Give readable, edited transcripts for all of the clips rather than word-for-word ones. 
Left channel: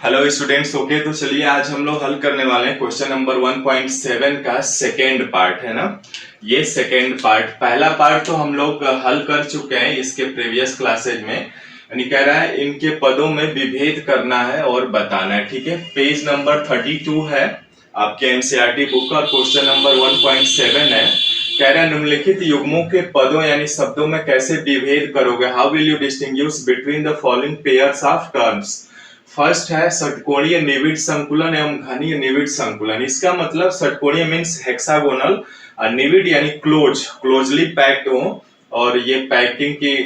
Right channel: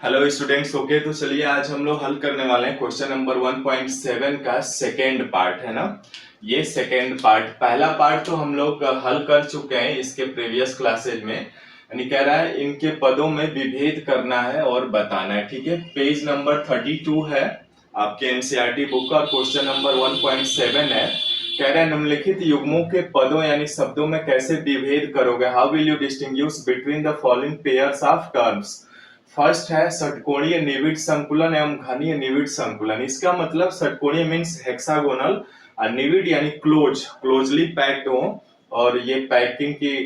Hello students. Okay, तो चलिए आज हम लोग हल करने वाले हैं क्वेश्चन नंबर 1.7 का सेकेंड पार्ट, है ना। ये सेकेंड पार्ट, पहला पार्ट तो हम लोग हल कर चुके हैं इसके प्रीवियस क्लासेज में। यानी कह रहा है इनके पदों में विभेद करना है और बताना है। ठीक है, पेज नंबर 32 है आपके एनसीईआरटी बुक का और क्वेश्चन नंबर 1.7 है। कह रहा है निम्नलिखित युग्मों के पदों यानी शब्दों में कैसे विभेद करोगे। How will you distinguish between the following pairs of terms. First है षटकोणीय निविड़ संकुलन एवं घनीय निविड़ संकुलन। इसका मतलब षटकोणीय मीन्स हेक्सागोनल, निविड़ यानी क्लोजली पैक्ड हो, और ये पैकिंग की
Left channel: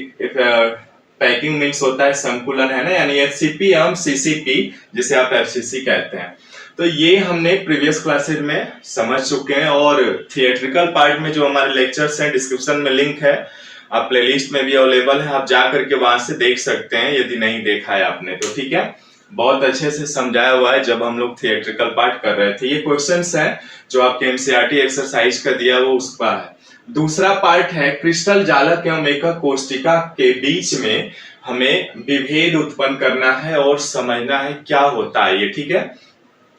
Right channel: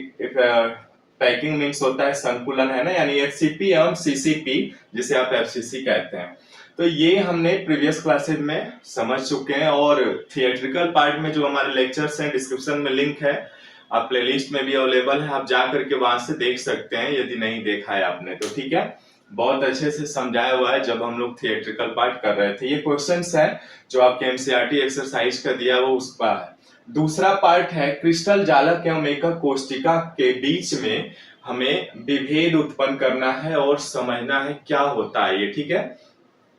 पैकिंग मीन्स होता है संकुलन, है ना, यानी एचसीपी एवं सीसीपी जिसे आप एफसीसी कहते हैं। तो ये हमने प्रीवियस क्लासेज में समझ चुके हैं और थिएट्रिकल पार्ट में जो हमारे लेक्चर्स हैं डिस्क्रिप्शन में लिंक है, आप प्लेलिस्ट में भी अवेलेबल है, आप जा करके वहां से देख सकते हैं यदि नहीं देखा है आपने तो। ठीक है, बहुत अच्छे से समझाया हुआ है जब हम लोग थिएट्रिकल पार्ट कर रहे थे। ये क्वेश्चंस है जो आपके एनसीईआरटी एक्सरसाइज का दिया वो उसका है। दूसरा पार्ट है क्रिस्टल जालक एवं एकक कोष्टिका के बीच में हमें विभेद उत्पन्न करना है और समझना है क्या होता है ये। ठीक है,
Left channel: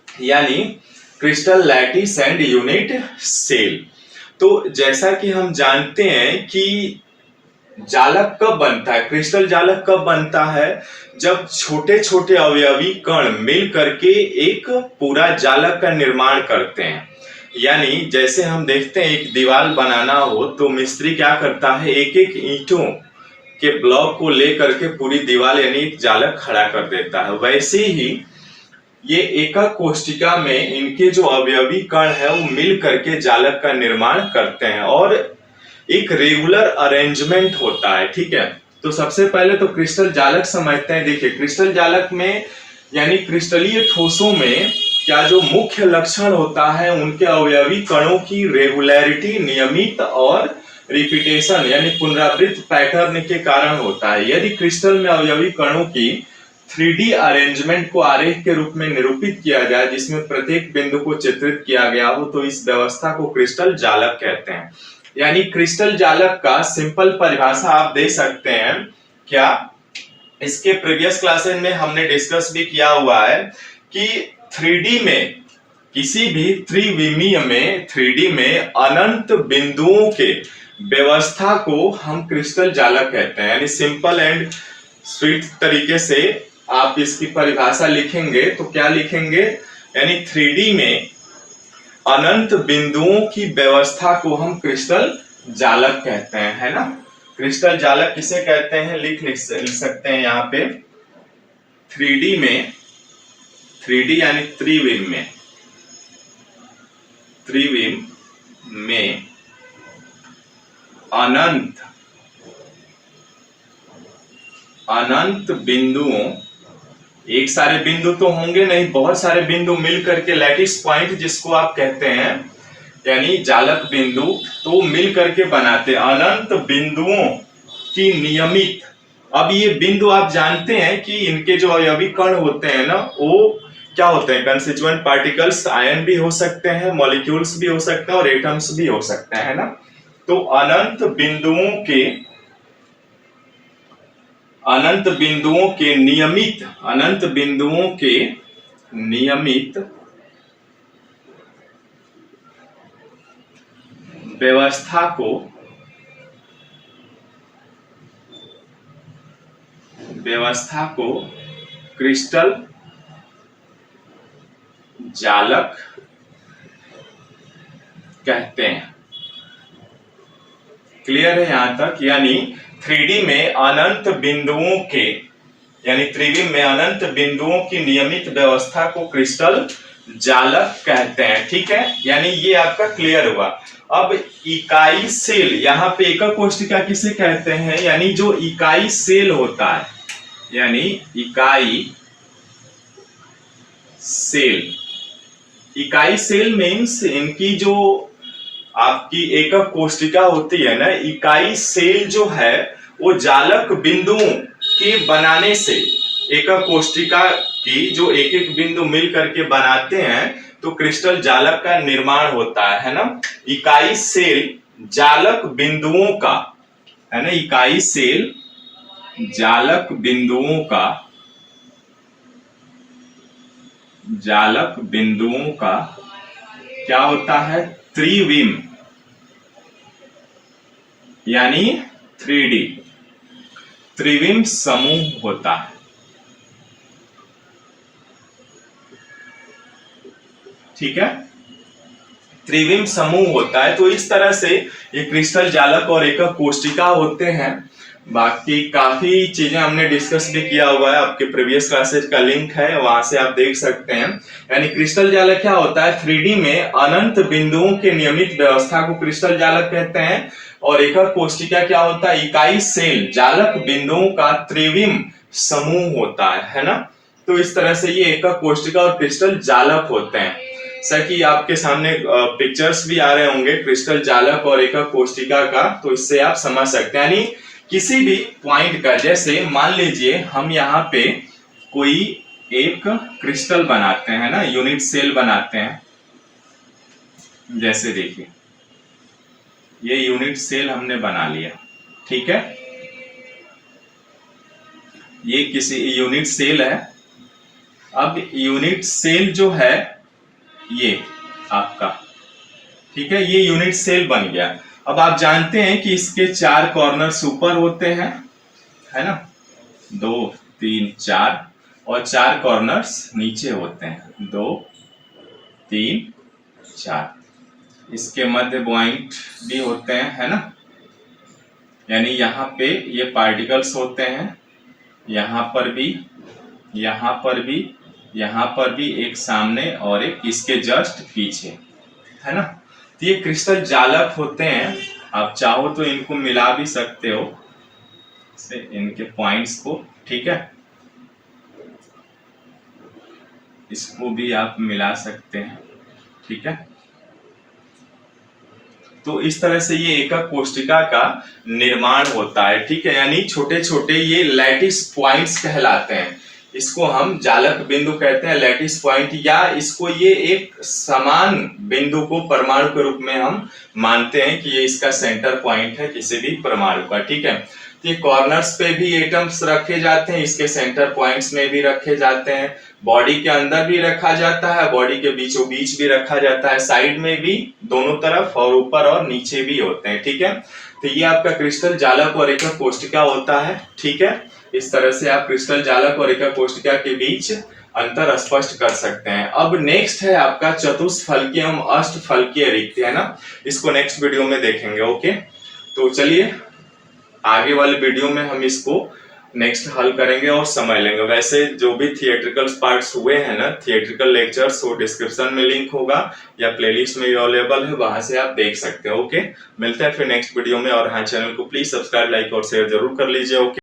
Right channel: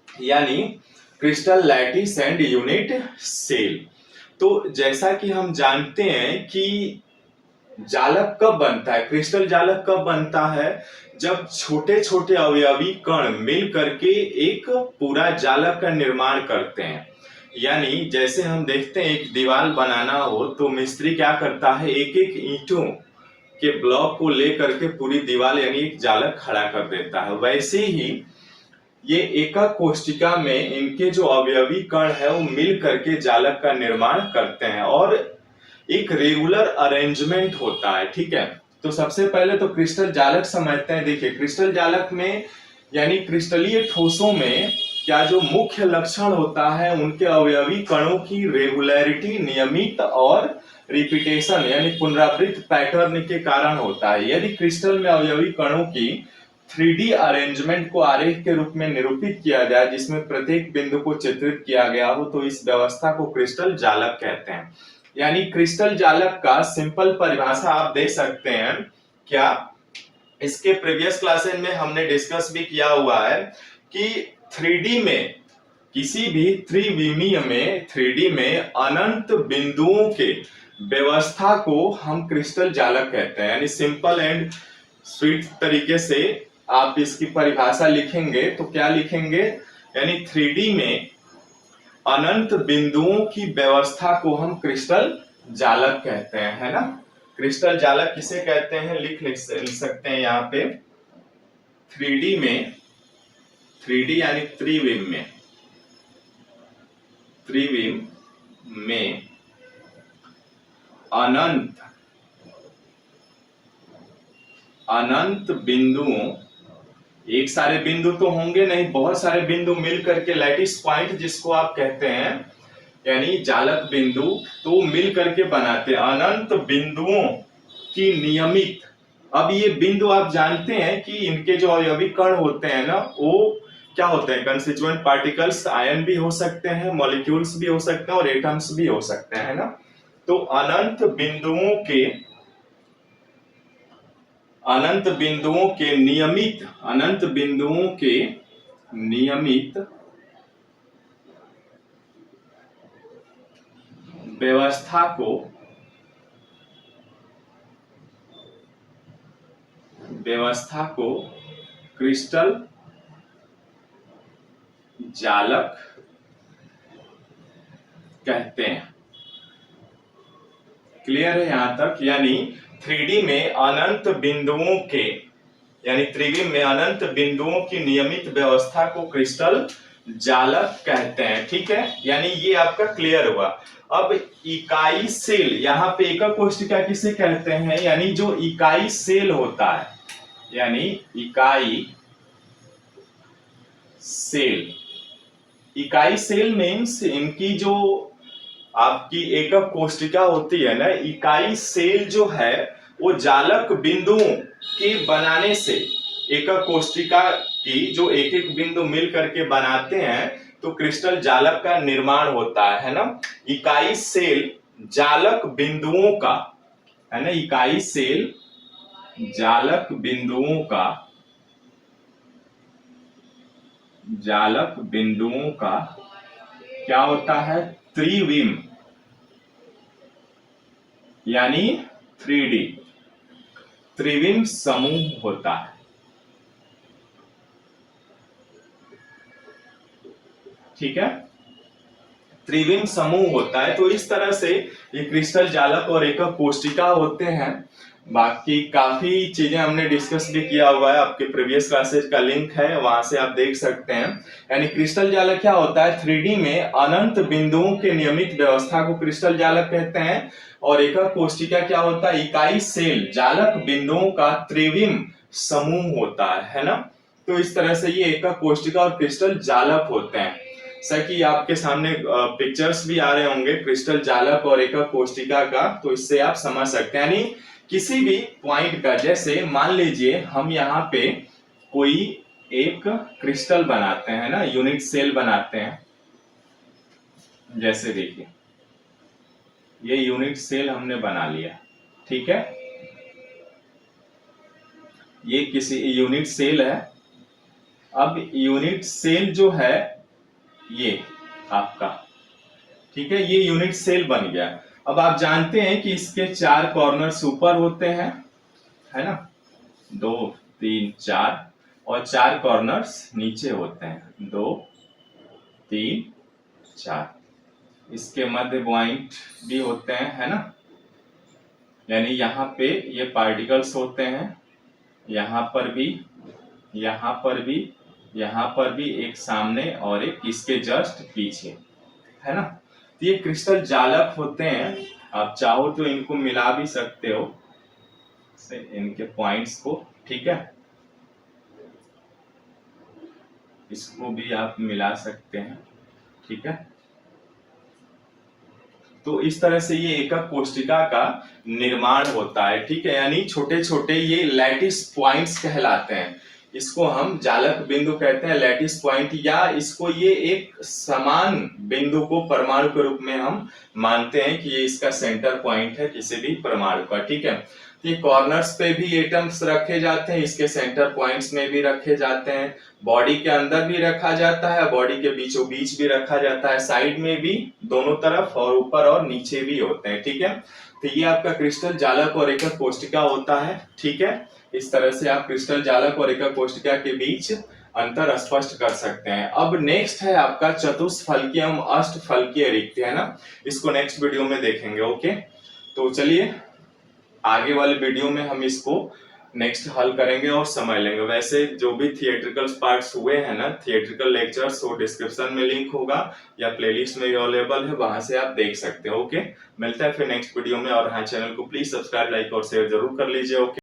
यानी crystal lattice and unit cell. तो जैसा कि हम जानते हैं कि जालक कब बनता है, क्रिस्टल जालक कब बनता है, जब छोटे छोटे अवयवी कण मिल करके एक पूरा जालक का निर्माण करते हैं। यानी जैसे हम देखते हैं एक दीवार बनाना हो तो मिस्त्री क्या करता है, एक एक ईंटों के ब्लॉक को लेकर के पूरी दीवार यानी एक जालक खड़ा कर देता है। वैसे ही ये एकक कोष्टिका में इनके जो अवयवी कण है वो मिल करके जालक का निर्माण करते हैं और एक रेगुलर अरेंजमेंट होता है। ठीक है, तो सबसे पहले तो क्रिस्टल जालक समझते हैं। देखिए क्रिस्टल जालक में यानी क्रिस्टलीय ठोसों में क्या जो मुख्य लक्षण होता है उनके अवयवी कणों की रेगुलरिटी, नियमित और रिपीटेशन यानी पुनरावृत्त पैटर्न के कारण होता है। यदि क्रिस्टल में अवयवी कणों की 3D अरेंजमेंट को आरेख के रूप में निरूपित किया जाए जिसमें प्रत्येक बिंदु को चित्रित किया गया हो तो इस व्यवस्था को क्रिस्टल जालक कहते हैं। यानी क्रिस्टल जालक का सिंपल परिभाषा आप दे सकते हैं क्या, इसके प्रीवियस क्लासेस में हमने डिस्कस भी किया हुआ है कि 3D में किसी भी त्रिविमीय में 3D में अनंत बिंदुओं के व्यवस्था को हम क्रिस्टल जालक कहते हैं। यानी सिंपल एंड स्वीट तरीके से आप इसकी परिभाषा लिखेंगे तो क्या लिखेंगे, यानी 3D में अनंत बिंदुओं की व्यवस्था को हम क्रिस्टल जालक कहते हैं, है ना। क्रिस्टल जालक किसे कहते हैं लिख सकते हैं यहाँ पे 3D में, 3D यानी त्रिविम में अनंत बिंदुओं, एक सारे बिंदु तो होंगे नहीं, बहुत सारे बिंदु मिल करके लैटिस पॉइंट जिसको आप कहते हैं यानी जालक बिंदु, तो मिल करके बनाते हैं अनंत बिंदुओं की नियमित। अब ये बिंदु आप जानते हैं कि इनके जो अवयवी कण होते हैं ना वो क्या होते हैं, कंस्टिट्यूएंट पार्टिकल्स, आयन भी हो सकते हैं, मॉलिक्यूल्स भी हो सकते हैं और एटम्स भी हो सकते हैं, है ना। तो अनंत बिंदुओं के नियमित व्यवस्था को क्रिस्टल जालक कहते हैं। क्लियर है यहां तक। यानी 3D में अनंत बिंदुओं के यानी त्रिविम में अनंत बिंदुओं की नियमित व्यवस्था को क्रिस्टल जालक कहते हैं। ठीक है, यानी ये आपका क्लियर हुआ। अब इकाई सेल, यहाँ पे एकक कोष्टिका किसे कहते हैं, यानी जो इकाई सेल होता है, यानी इकाई सेल मीन्स इनकी जो आपकी एकक कोष्टिका होती है ना, इकाई सेल जो है वो जालक बिंदुओं के बनाने से, एकक कोष्टिका की जो एक एक बिंदु मिल करके बनाते हैं तो क्रिस्टल जालक का निर्माण होता है ना। इकाई सेल जालक बिंदुओं का, है ना, इकाई सेल जालक बिंदुओं का जालक बिंदुओं का क्या होता है, त्रिविम, यानी 3D त्रिविम समूह होता है। ठीक है, त्रिविम समूह होता है। तो इस तरह से ये क्रिस्टल जालक और एकक कोष्टिका होते हैं। बाकी काफी चीजें हमने डिस्कस भी किया हुआ है, आपके प्रीवियस क्लासेस का लिंक है, वहां से आप देख सकते हैं। यानी क्रिस्टल जालक क्या होता है, 3D में अनंत बिंदुओं के नियमित व्यवस्था को क्रिस्टल जालक कहते हैं। और एकक कोष्टिका क्या होता है, इकाई सेल जालक बिंदुओं का त्रिविम समूह होता है ना। तो इस तरह से ये एकक कोष्टिका और क्रिस्टल जालक होते हैं। कि आपके सामने पिक्चर्स भी आ रहे होंगे क्रिस्टल जालक और एकक कोष्टिका का, तो इससे आप समझ सकते हैं। यानी किसी भी पॉइंट का, जैसे मान लीजिए हम यहाँ पे कोई एक क्रिस्टल बनाते हैं ना, यूनिट सेल बनाते हैं। जैसे देखिए ये यूनिट सेल हमने बना लिया, ठीक है, ये किसी यूनिट सेल है। अब यूनिट सेल जो है ये आपका, ठीक है, ये यूनिट सेल बन गया। अब आप जानते हैं कि इसके 4 कॉर्नर्स ऊपर होते हैं, है ना, 2 3 4, और 4 कॉर्नर्स नीचे होते हैं, 2 3 4। इसके मध्य पॉइंट भी होते हैं, है ना। यानी यहाँ पे ये पार्टिकल्स होते हैं, यहाँ पर भी, यहाँ पर भी, यहाँ पर भी, एक सामने और एक इसके जस्ट पीछे, है ना। तो ये क्रिस्टल जालक होते हैं। आप चाहो तो इनको मिला भी सकते हो से इनके पॉइंट्स को, ठीक है, इसको भी आप मिला सकते हैं, ठीक है। तो इस तरह से ये एकक कोष्टिका का निर्माण होता है, ठीक है। यानी छोटे छोटे ये लैटिस पॉइंट्स कहलाते हैं। इसको हम जालक बिंदु कहते हैं, लैटिस पॉइंट, या इसको ये एक समान बिंदु को परमाणु के रूप में हम मानते हैं कि ये इसका सेंटर पॉइंट है किसी भी परमाणु का, ठीक है। तो ये कॉर्नर्स पे भी एटम्स रखे जाते हैं, इसके सेंटर पॉइंट्स में भी रखे जाते हैं, बॉडी के अंदर भी रखा जाता है, बॉडी के बीचों बीच भी रखा जाता है, साइड में भी, दोनों तरफ, और ऊपर और नीचे भी होते हैं, ठीक है। तो ये आपका क्रिस्टल जालक और एकक कोष्टिका होता है, ठीक है। इस तरह से आप क्रिस्टल जालक और एकक कोष्टिका के बीच अंतर स्पष्ट कर सकते हैं। अब नेक्स्ट है आपका चतुष्फलकीय एवं अष्टफलकीय रिक्ति, है ना। इसको नेक्स्ट वीडियो में देखेंगे, ओके। तो चलिए आगे वाले वीडियो में हम इसको नेक्स्ट हल करेंगे और समझ लेंगे। वैसे जो भी थिएट्रिकल पार्ट्स हुए हैं ना, थिएट्रिकल लेक्चर्स, वो डिस्क्रिप्शन में लिंक होगा या प्लेलिस्ट में अवेलेबल है, वहां से आप देख सकते हैं, ओके। मिलते हैं फिर नेक्स्ट वीडियो में, और हाँ, चैनल को प्लीज सब्सक्राइब, लाइक और शेयर जरूर कर लीजिए, ओके।